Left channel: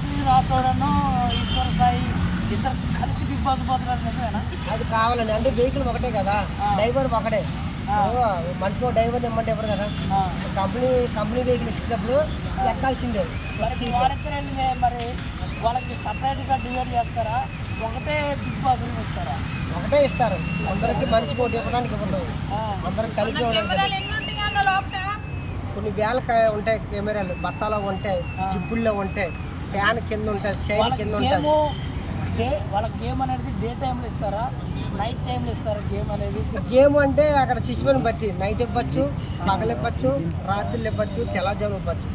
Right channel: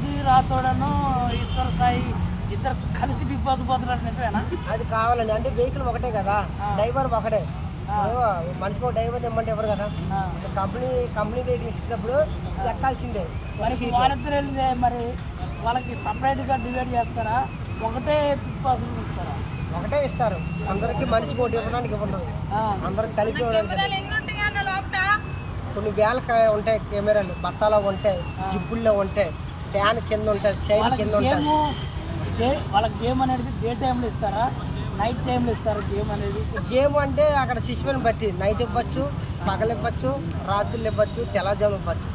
మాధురి రాథోడను ఈశ్వర్ సాయి ఇద్దరు కలిసి big boss పోతున్నారు నిజమేనా? అది కావాలండి. అంటే వెహికల్ ఒకటే కదా, డ్రైవర్ ఒకటే. మనిషికి ఒక డ్రైవర్ ఇమ్మంటే ఎవరు కదా, కంపెనీ వెహికల్ ఇచ్చినప్పుడు ఎక్కాల్సిందే. మరి వాళ్ళకి సపరేట్గా డివైడ్ చేస్తారా, ఒకటే బిగ్ బాస్ ఇస్తారా? ఒకటే ఇస్తారు అందరికి, మనిషికి ఒకటి ఇవ్వడానికి ఇవ్వరు, అందరికి కలిపి ఇవ్వడానికి. కొన్ని వేల ఉంటాయి కెమెరాలు, బత్తాలో ఉంటాయి, జిప్పుల్లో ఉంటాయి, ఫ్యాన్ కింద ఉంటుంది, చైర్ కింద ఉంటుంది. వాళ్ళ గేమ్ అనేది డే టైంలో ఇస్తారా, నైట్ టైంలో ఇస్తారా? గేమ్ అంటే అక్కడ శిశువుని బట్టి నైట్ ఇవ్వచ్చు, పగలు ఇవ్వచ్చు, రాత్రులు ఇవ్వచ్చు, తెల్లజాము ఇవ్వచ్చు.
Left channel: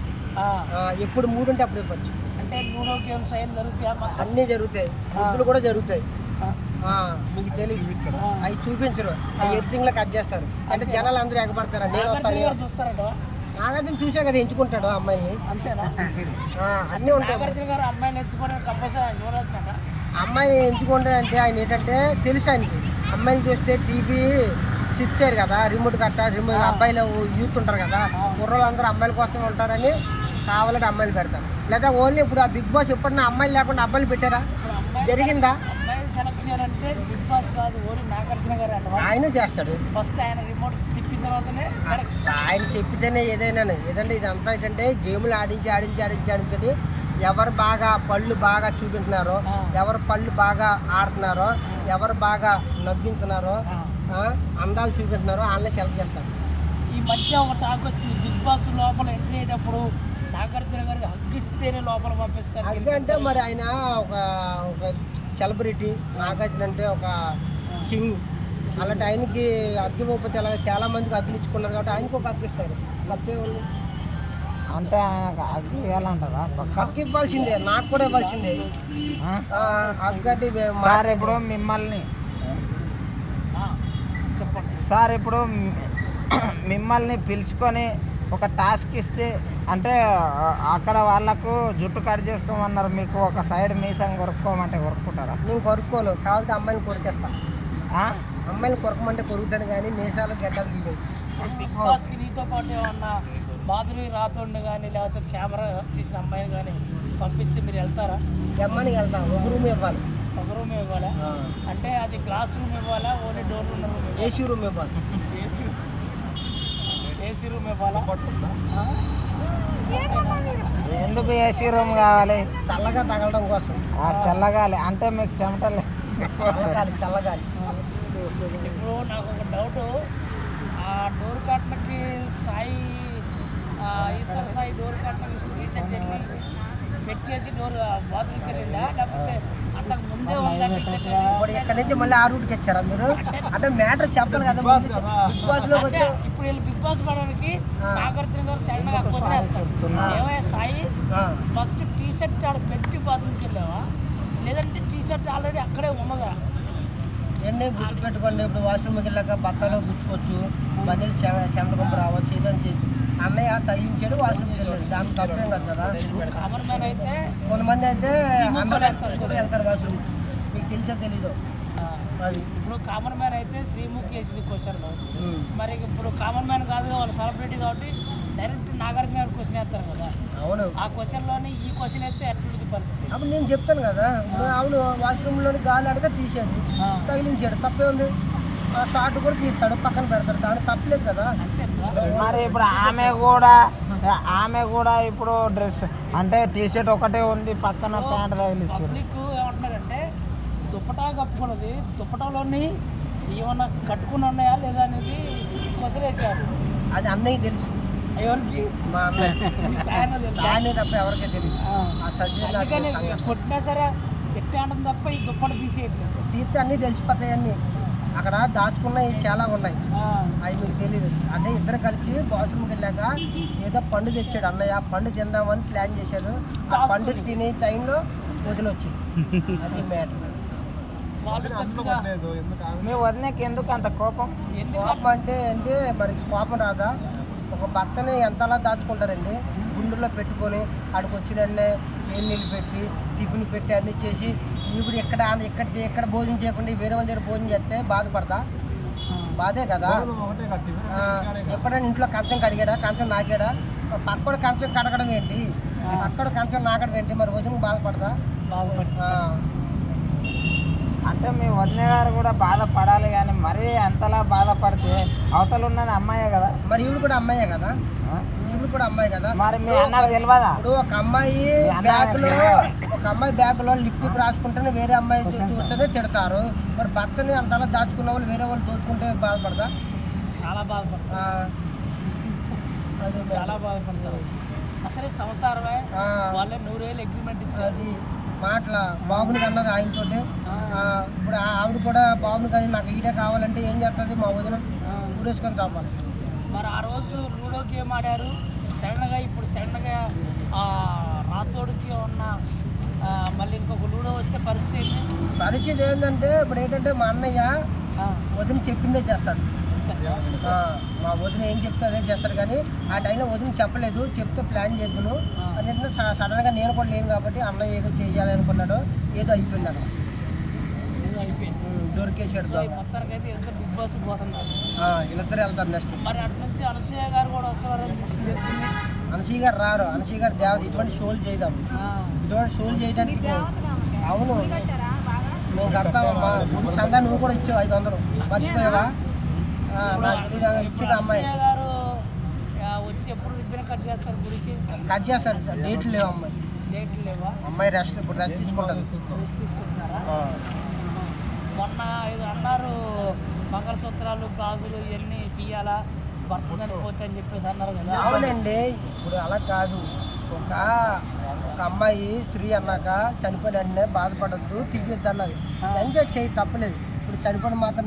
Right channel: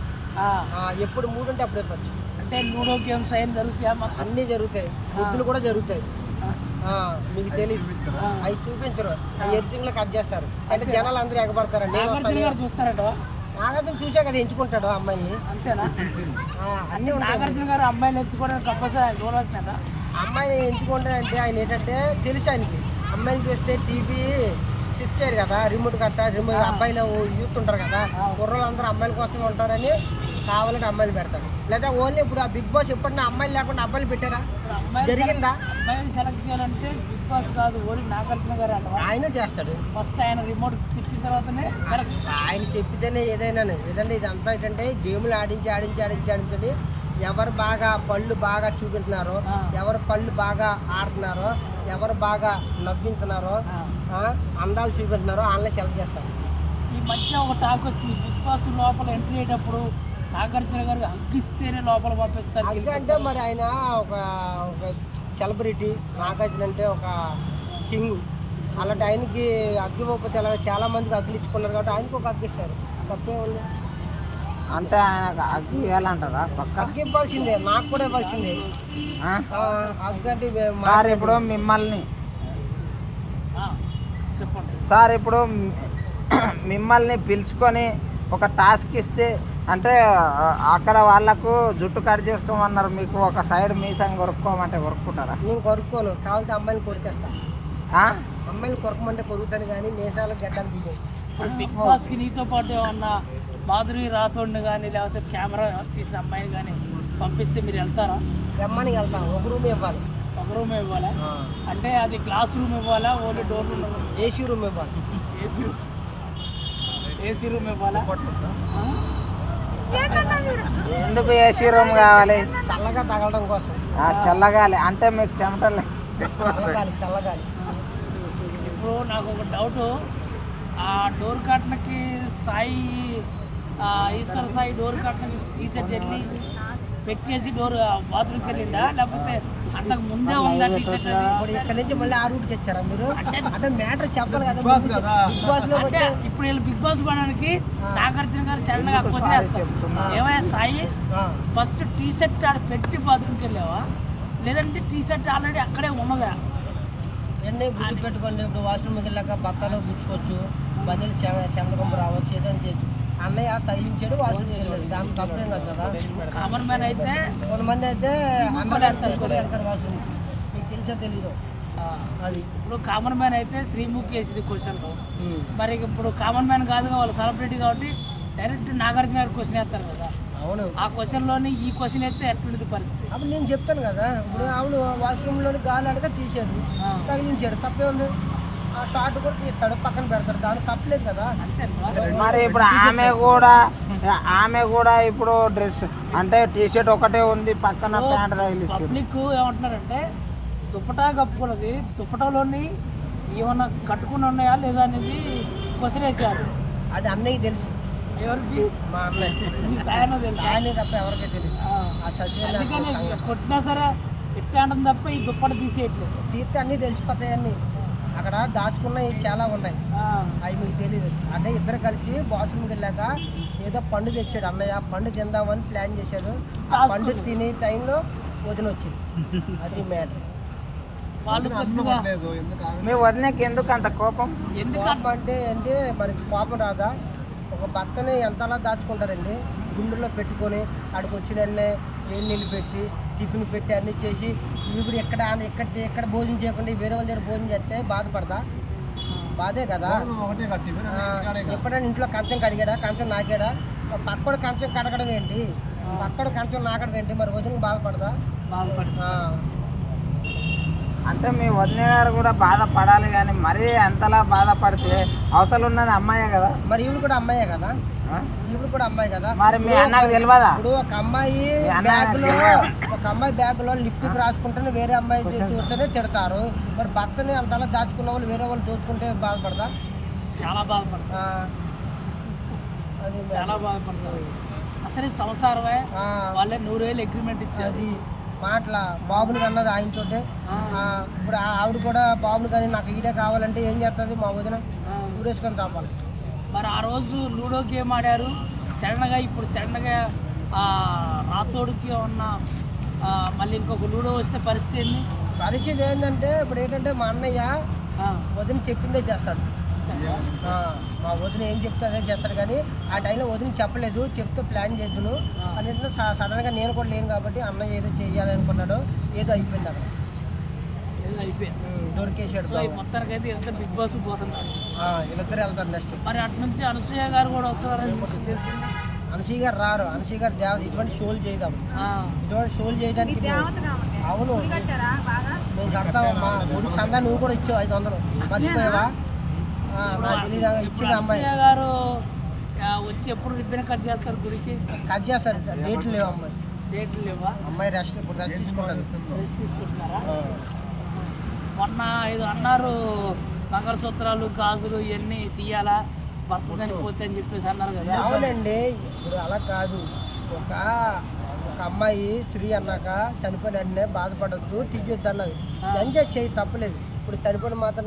ఎప్పుడు మూడు ఉంటే అప్పుడు ఇవ్వచ్చు. అంటే లూడో గేమ్స్ అయిన జరుగుతాయా? అన్నీ జరుగుతాయి, ముద్దులు కూడా జరుగుతాయి. మీకు తెలియదు, అవి చూపించరు, అవి ఎడిటింగ్లో కట్ చేస్తారు. అంటే జనాలు అందరూ ఎగబడతారు. నేను వస్తాను చూస్తారట. నాగార్జున చూసా కదా ఎంచుకుంటాడు అమ్మాయి. అన్నీ ఉంటాయి. అమ్మాయిని ఎంచుకోవడానికి అమ్మాయిని ఎంచుకుంటాడంటే ఆయన ఏంటంటే తెలుసు ఆయనకి, అమ్మాయిని చూస్తే టీవీ స్విచ్ చేయరు కదా, రిమోట్ అబ్బాయిలు యూత్ ఉంటారు కదా, కుర్రలు అందరూ అమ్మాయిల కోసం ఉంటారని కావాలంటే అమ్మాయిలు పెడతారు. లేదా ఓన్లీ ఇప్పుడు ఆ బిగ్ బాస్ ఎప్పుడన్నా అమ్మాయిలు లేకుండా అబ్బాయిలు పెట్టారా? జరిగిందా? సెలెక్ట్ చేయాలంటే బిగ్ బాస్ కాదు, ఓన్లీ నాగార్జున గారు ఆయనే చేస్తాడు. ఫస్ట్ ఆయన రిమోట్ తిప్పిన తర్వాతనే ఆయన చెప్పితేనే ఏదైనా. ఏదంటే ఇదంతా ఏంటంటే గేములు ఆడించండి. ఎవరు బాగా పళ్ళు బాగా చూపించున్నారో, ఎవరు పళ్ళు బాగా ఆడుతున్నారో, ఎవరు బాగా నవ్వించున్నారో, అందాలు చూపించున్నారో వాళ్ళని సెలెక్ట్ చేస్తారు. ఈ మధ్య ఒక టాక్ వచ్చింది, బిగ్ బాస్ లోపల ఎంట్రీ అయ్యేటప్పుడు నాగార్జున గారికి హగ్గిస్తేనే లోపల పంపిస్తారు. హగ్ అంటే మరి ఆయన ఒక సెలబ్రిటీ, నాగార్జున అంటే ఒక కింగ్. అలాంటి ఆయనకి అగ్గి ఇవ్వకపోతే ఎలా? చాలా మందికి అగ్గులు ఇచ్చుకున్నారు కాబట్టి ఆయనకు ఒక అగ్గి ఇస్తారు. తప్పే ఉంది అంటే ఆయన అగ్గి ఇవ్వాలంటారా? అగ్గి ఇవ్వాల్సిందే, నాకు కూడా ఇవ్వాల్సిందే. అగ్గు అంటే ఇప్పుడు మిమ్మల్ని సార్ ఇప్పుడు మిమ్మల్ని పిలుచుకొని ఒక టాస్క్ ఇస్తే, అంటే అక్కడ వాళ్ళకు జుట్టు కట్ చేసుకోమన్నారు, మీకు ఒక సైడ్ మీసం కొరుక్కోమంటే కొరుక్కుంటారా? నేను కొరుక్కోను, కావాలంటే అమ్మాయిని కొరికేస్తాను. అమ్మాయిని కొరకమంటే కొరుకుతాను కానీ మీసాలు గడ్డలు తీయను. బిగ్ బాస్కి నీతో పాటు ఏమన్నా మాధురి రాథోడ్ని కానీ లేకపోతే కెమెరా తీసిన అమ్మాయిని కానీ పంపిస్తే మీరు వెళ్తారా? ఎమ్మని వెళ్తాం. ఒక రూమ్ ఇవ్వాలి. ఒక రూమ్ ఇవ్వాలా? అంటే అది గ్లాస్ రూమ్ ఇవ్వాలా, only door room? AC room ఇవ్వాలి. ఏసీ రూమ్ ఇవ్వాలా? ఎందుకు ఏసీ రూమ్ కావాలి? చల్లగా తగలడం కోసం. చల్లగాలి అంటే మీకు చెమటలే. చల్లగాలి. ఇప్పుడు నాకు ఒక డౌట్, ఆ డోర్ కట్నకి సాయి ఈశ్వర్ సాయి డోర్ కట్నకి టీషర్ట్ వెళ్ళి పెట్టేసి డోర్ బాత్రూమ్కి వెళ్ళిందా, లేకపోతే అంతకు ముందే ఉందా టీషర్ట్? ఇప్పుడు ఇక్కడ నుంచి మళ్ళీ ఆ రూట్కి వచ్చారా మీరు? అంటే మ్యాటర్ చెప్పాలి కదా. బిగ్ బాస్ లోకి వచ్చే ఇప్పుడు వీళ్ళు బిగ్ బాస్ పడడానికి నాగార్జున గారు సడన్ గా క్వశ్చన్ వేస్తారు, ఏమైనా సాయి ఫస్ట్ టీషర్ట్ ఆడ పెట్టి బాత్రూమ్కి వెళ్ళావా, లేదంటే టీషర్ట్ ఆల్రెడీ అక్కడే ఉన్నదా? ఎన్ని గుర్తు పెట్టుకోండి. ఇప్పుడు వాష్రూమ్కి వెళ్ళాక బత్తాలో గుచ్చుకోవచ్చు, బండిలు చెమటకొంప రావచ్చు, ఏదైనా చేయొచ్చు. అన్నయ్య తగిలించాడు, వాష్రూమ్కి వెళ్ళాడు, దానికి తప్పేం కాదు కదా. కామన్ మ్యాన్ అయితే కొంతమంది అయితే అండర్ వేర్ తీసుకుంటూ వెళ్తారు వాష్రూమ్. మీకు తెలిసా తెలీదు అది. ఇప్పుడు కామన్ మ్యాన్ అయితే శ్రీముఖి వేసింది క్వశ్చన్, మరి ఇప్పుడు కామన్ మ్యాన్ కాదుగా, వాళ్ళు సెలబ్రిటీ కాబట్టి డైరెక్ట్ నాగార్జున గారు క్వశ్చన్ వేస్తారు కదా. అవును, ఆ క్వశ్చన్లోని ఈ క్వశ్చన్ అయితే ఎట్లుంది పరిస్థితి? అప్పుడు నేను చెప్తాను కదా. ఇప్పుడు అవును, వాష్రూమ్లోని గాలి అడగ తీసాడు, తగిలించాడు, తప్పే ఉంది. ఆ షార్ట్ కూడా తీస్తాడు, పక్కన పెడతాడు, దానికి తప్పలేదు కదా. మరి ఇప్పుడు ఆమె కూడా ఇప్పుడు డ్రెస్ అంటే టీషర్ట్ ఒకటే ఉంది, పక్కన ప్యాంట్ తగిలించారు. పబ్లిక్ ఏమంటున్నారంటే దుప్పటా కప్పుకున్నది, దుప్పటలోని ఏమన్నా కట్టుకుని ఉన్నాయా లేదా అనేది క్వశ్చన్ వేసారు. అది అన్నయ్య తెలుసు. ఎవరికి? మా అన్నయ్య తప్ప ఎవరికీ తెలియదు. ఆ సచిన్ కొట్టినా సరే ఎత్తే అంటుంది తప్ప ఈ దుప్పట తీసేయట్లేదు. తీస్తే అన్నీ తెలిసిపోతాయి. అన్నీ అక్కడ దాచుకున్నాయి చాలా ఉన్నాయి, అవి మీకు తెలియదు. అంటే ఇద్దరు కలిసి బాత్రూమ్కి వెళ్ళాక ఏదో పండు తెచ్చాడు అన్నయ్య, పండు తిందామని ప్లాన్ చేశాడు. ఆ పండు తినే టైంలో వదిన వచ్చింది. అది మ్యాటర్. మీ వదినకి ఎందుకు అంత కోపం? కోపం అంటే మనకి కోపం రాదా? ఒక భర్తని ఎంతలా దాచుకుంటారండి, గుండెల్లో పెట్టుకొని ఆడికి వచ్చిన వెంటనే నీళ్ళు పెట్టి టిఫిన్ పెట్టి అన్నీ చేసి, ఇప్పుడు ఎక్కడ భోజనం చేయకుండా వేరే వాళ్ళ దగ్గర భోజనం చేస్తే బాధపడదా? బాధే కదా. ఎప్పుడైనా ఇంట్లో కంచం కడిగాడా, కంచం నాకాడా? పక్కన కంచం కడగడం ఏంటి? అక్కడ కంచం నాకడ వెంటే మరి వదిన బాధపడదా? బాగుపడి ఆ, అంటే మీ వదిన గారు కూడా బాధపడాలి కానీ మరీ అంతలా బాధపడితే అవతల ఉన్నది అమ్మాయే కదా. మరి ఈవిడ కూడా అమ్మాయే కదా, ఆ? ఈవిడ కూడా అమ్మాయి కదా. మరి మీ అన్నకు తెలియదా? ఇప్పుడు ఒక అమ్మాయి బ్యాగ్ లో లిప్టిక్ రాసుకుంటేనే వేరే అమ్మాయి చూస్తేనే తిడతారు. మరి భర్తని అంతలా దాచుకున్న వాళ్ళు వేరే వాళ్ళు దోచుకుంటే బాధపడదా? చాలా బాధపడతారు, ఆ, అది చాలా బాధపడతారు. అసలు ఈ సంసారమే వాళ్ళే 100,000 అగ్రిమెంట్ ఇచ్చారు. అది మాటల బాబుని కన్నది ఆయనతోటే. ఇప్పుడు ఆవిడ కూడా బాబుని కానీ నాకు ఈడే కావాలంటే ఏం చేస్తుంది? మా వదిన ఊరేసుకొని చాపాలి. మరి ఆ రోజు లూడో గేమ్ ఆడారు సడన్గా. ఇప్పుడు సడన్గా రాతోడికి ఉన్న మళ్ళీ ఇంకొక లూడో వస్తే పరిస్థితి ఏంది? పరిస్థితి ఏంటంటే ఇప్పుడు ఏంటంటే మా అన్నయ్య వదిన చెప్పిందే చేస్తాడు. మా వదిన ఏం చెప్తే అదే చేస్తాడు. కానీ ఆ టైంలో వదిన చెప్పలేదు, చెప్తే ప్లాన్ చేద్దును అని సడన్గా నేను కూడా లేను కాబట్టి అన్నయ్య ఏదో చెయ్యాలి అనుకున్నాడు, ఏదో అయిపోయింది అక్కడ. ఏదో అయిపోయింది, దొరికేసాడు. మొత్తానికి అయితే ఇద్దరు బిగ్ బాస్ పోతున్నారు. వీళ్ళిద్దరు వెళ్తారు నెక్స్ట్. మరి అటు నుంచి అనసూయ గారు కూడా వస్తున్నారని తెలిసింది. అనసూయ గారు రారు. అనసూయ గారు దేవత ఇటువంటి షోలు చేద్దాం, ఇటువంటి షోలు చేయడానికి అవును మేము కడతాము. మా గుడి సందా నువ్వు కూడా ఇచ్చావు 500, మర్చిపోయావా? నాకు తెలియదు, ఇచ్చిన అమ్మాయి గారు వచ్చి ఎప్పుడు రిబ్బన్ కట్ చేస్తారు గుడికి? కట్ చేస్తారు, డేట్లు లేవు అమ్మాయి. డేట్లు లేవా? అమ్మాయి రెస్ట్ ఇప్పుడు రెస్ట్ తీసుకుంటుంది. రెస్ట్ తీసుకుంటున్నారా? మొన్న ఏదో అన్నారు మంగళసూత్రాలు గాజులు ఇవన్నీ తీయాలా భర్త చనిపోతే అని చెప్పేసి అన్నారు కదా. అవునండి, ఇప్పుడు అలా కాదు. ఒక అమ్మాయి స్త్రీ అన్నాక చనిపోయిన వెంటనే బాధపడద్దు, తీయొద్దు అన్నది. ఎంజాయ్ చేయి, తప్పలేదు. ఇప్పుడు చనిపోయిన మాత్రం